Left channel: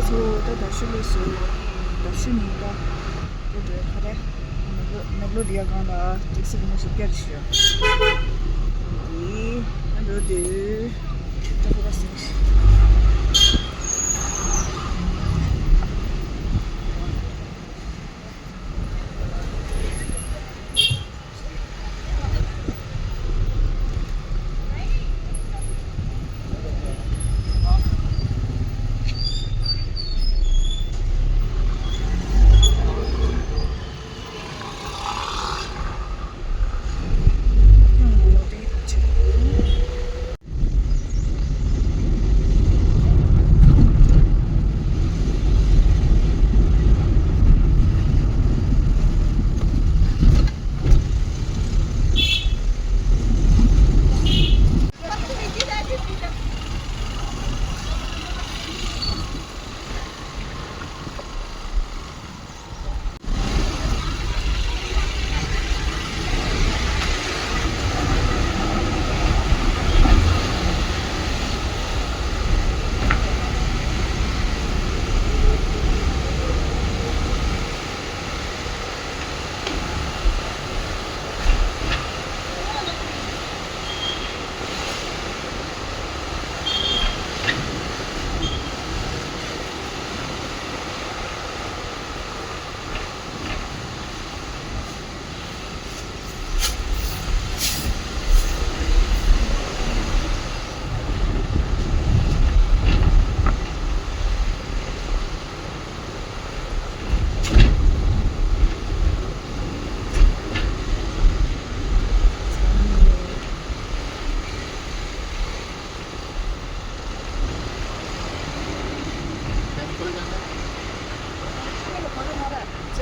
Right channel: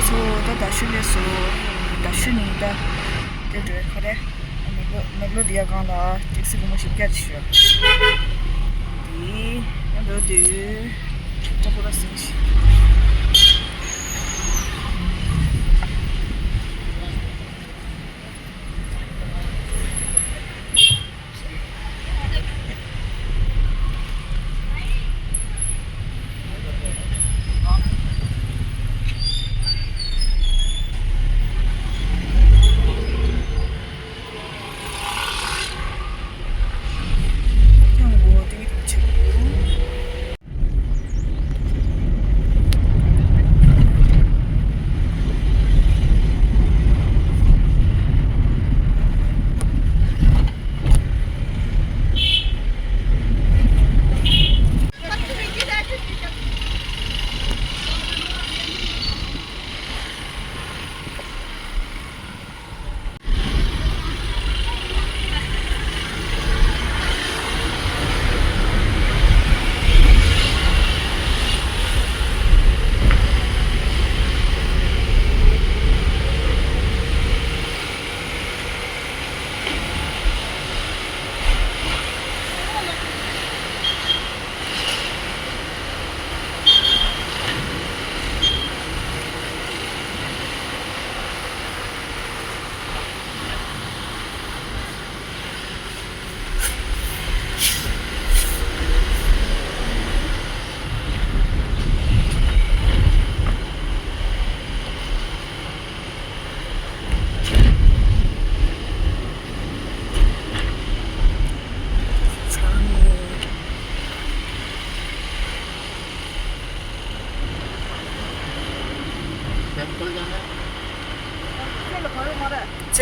so da shule so da shuni da de kare naglo dia ganda tiksi mo shikya shyo di ando de chakura sinchi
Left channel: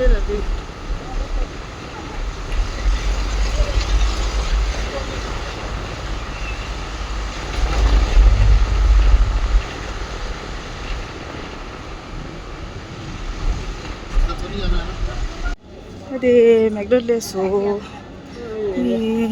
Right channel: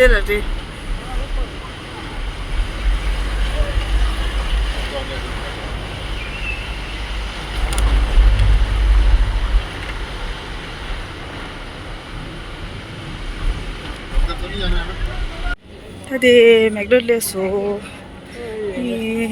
제라 돼 다들 맥도날드에서 이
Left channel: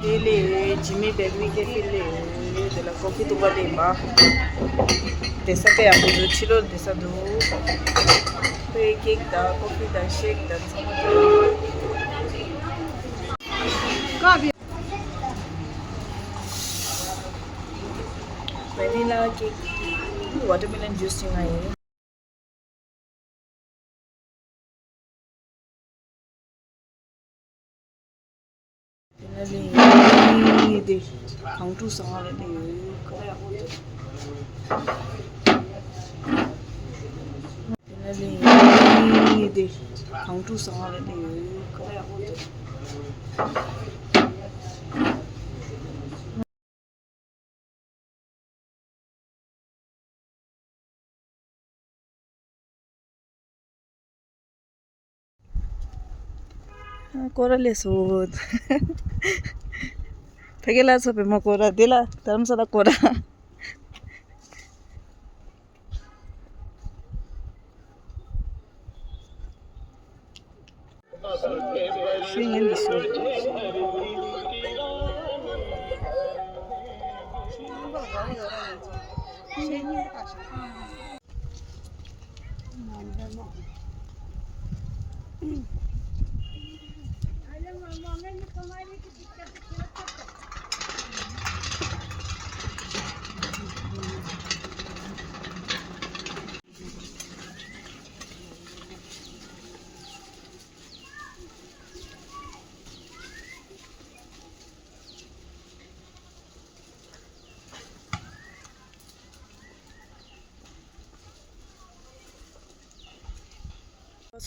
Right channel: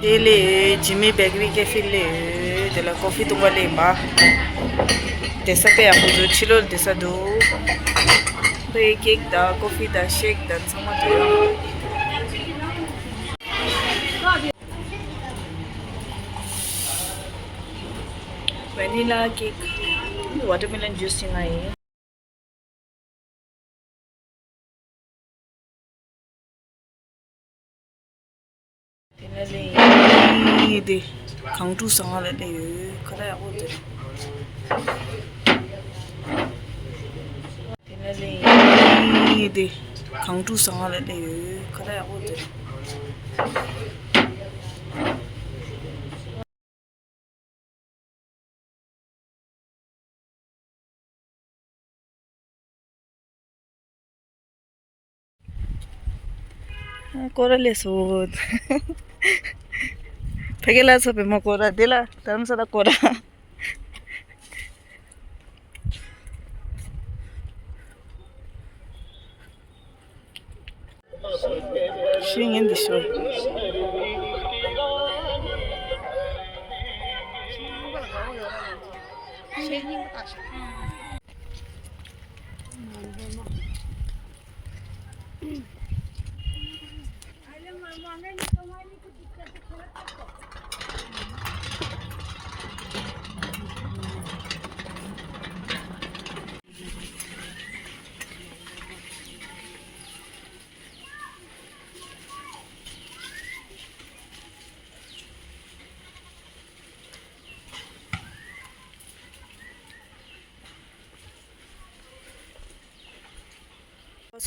dele Jimmy Bakery Cafe le de la coffee tunga le ma desa pe amu chilo desa do pe cake da coffee da shake da sama do vanilla cake watermelon juice ngai 네 강두 상하래 그래 어디 네 강두 상하래 그래 어디 कोरालेसो फेकेला सब म कोरा देला धर्मशाला कोरा Singing the show.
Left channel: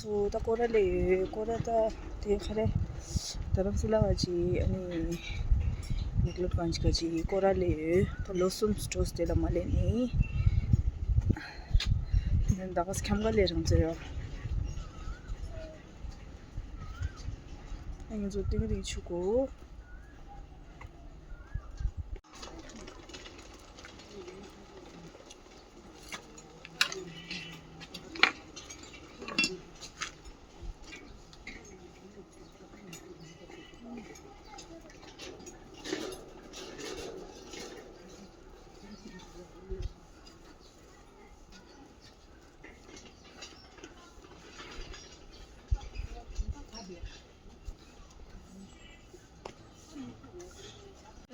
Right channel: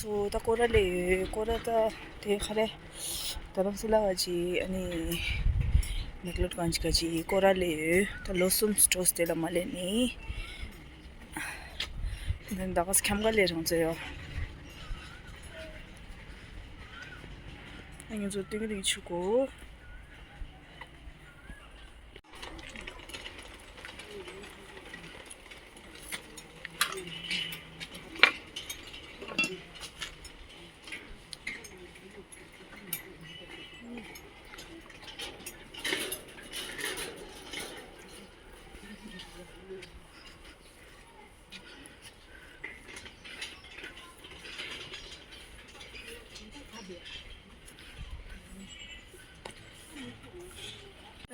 so ta korale korata te khare dharamsala waji ani Meklotganj kaji korale ta losum stores te la male ni then dagas khamga le rang yo anh zo ting ri chuko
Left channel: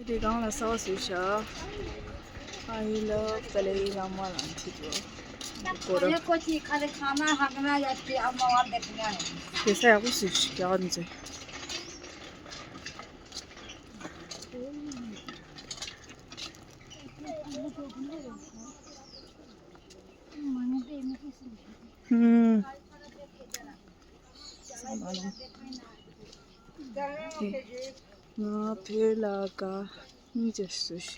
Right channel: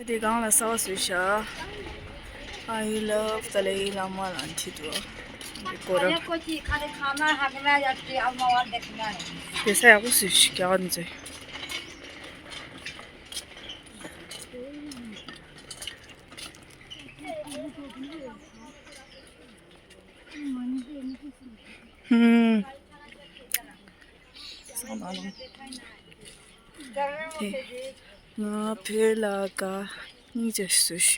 地讲了少岁下，I love 的嘞，那么难吃多。过了。ये saya aku sih sekian aja. Sama lang. Nga pelaga ni Jesus.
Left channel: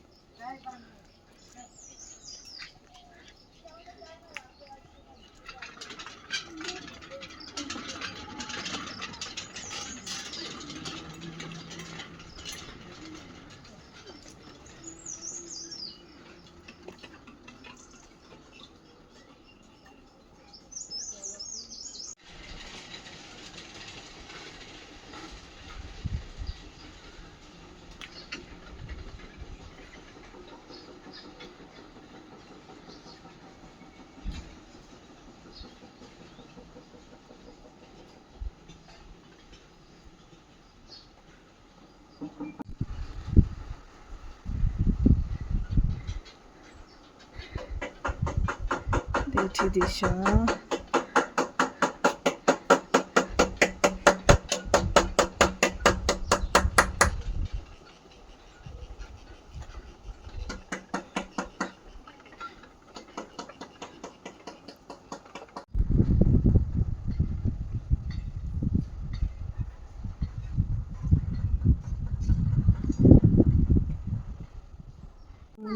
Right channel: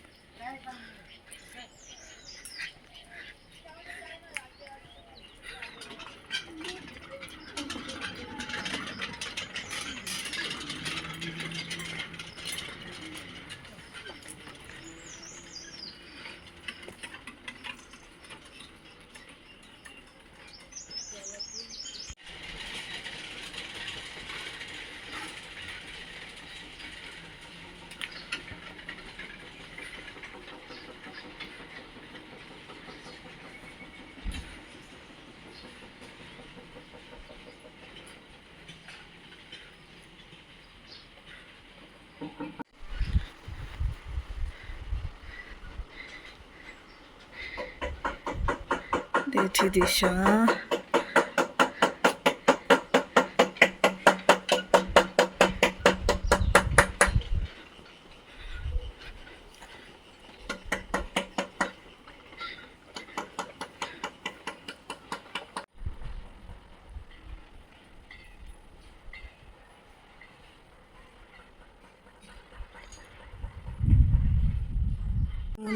대치 디샤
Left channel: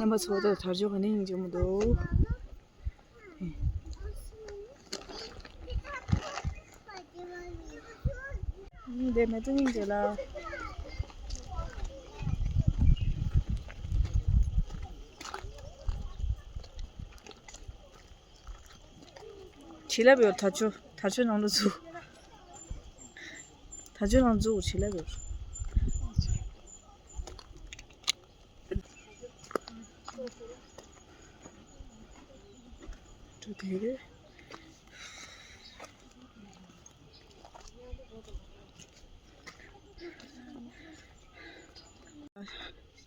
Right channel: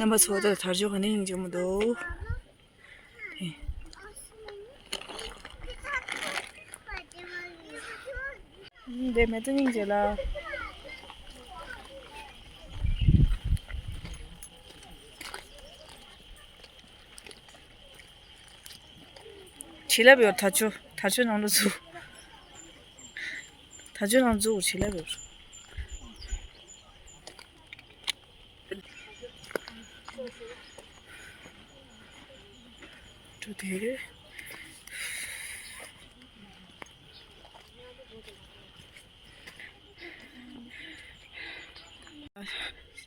nama soda tarjo haning jumdo 내 매드닝제라 지레비오 다주 나누주 다주 나누주 지레비오 저 되게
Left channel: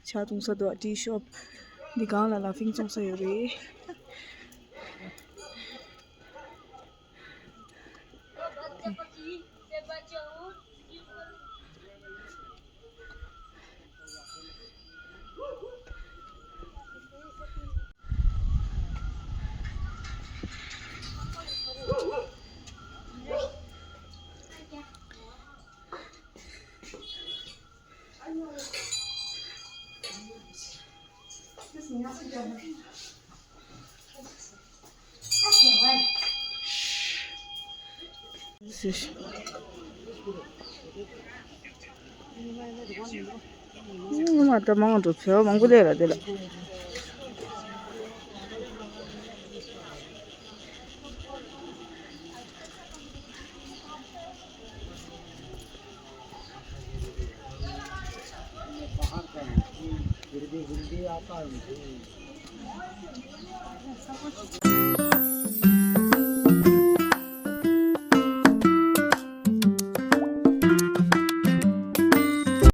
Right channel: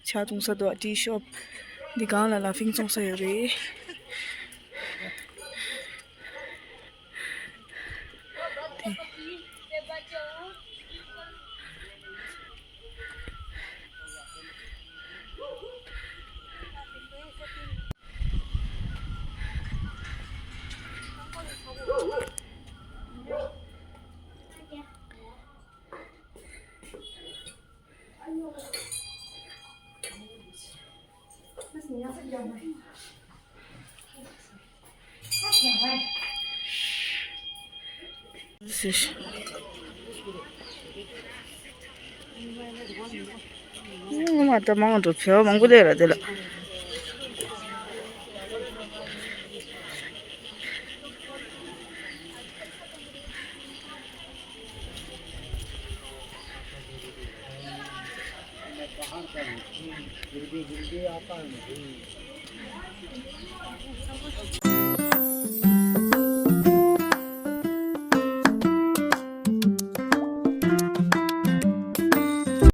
자동차도 디숍 니가 라라 핑송서요리 맞다 망도 표 망고 되라 되라 आता है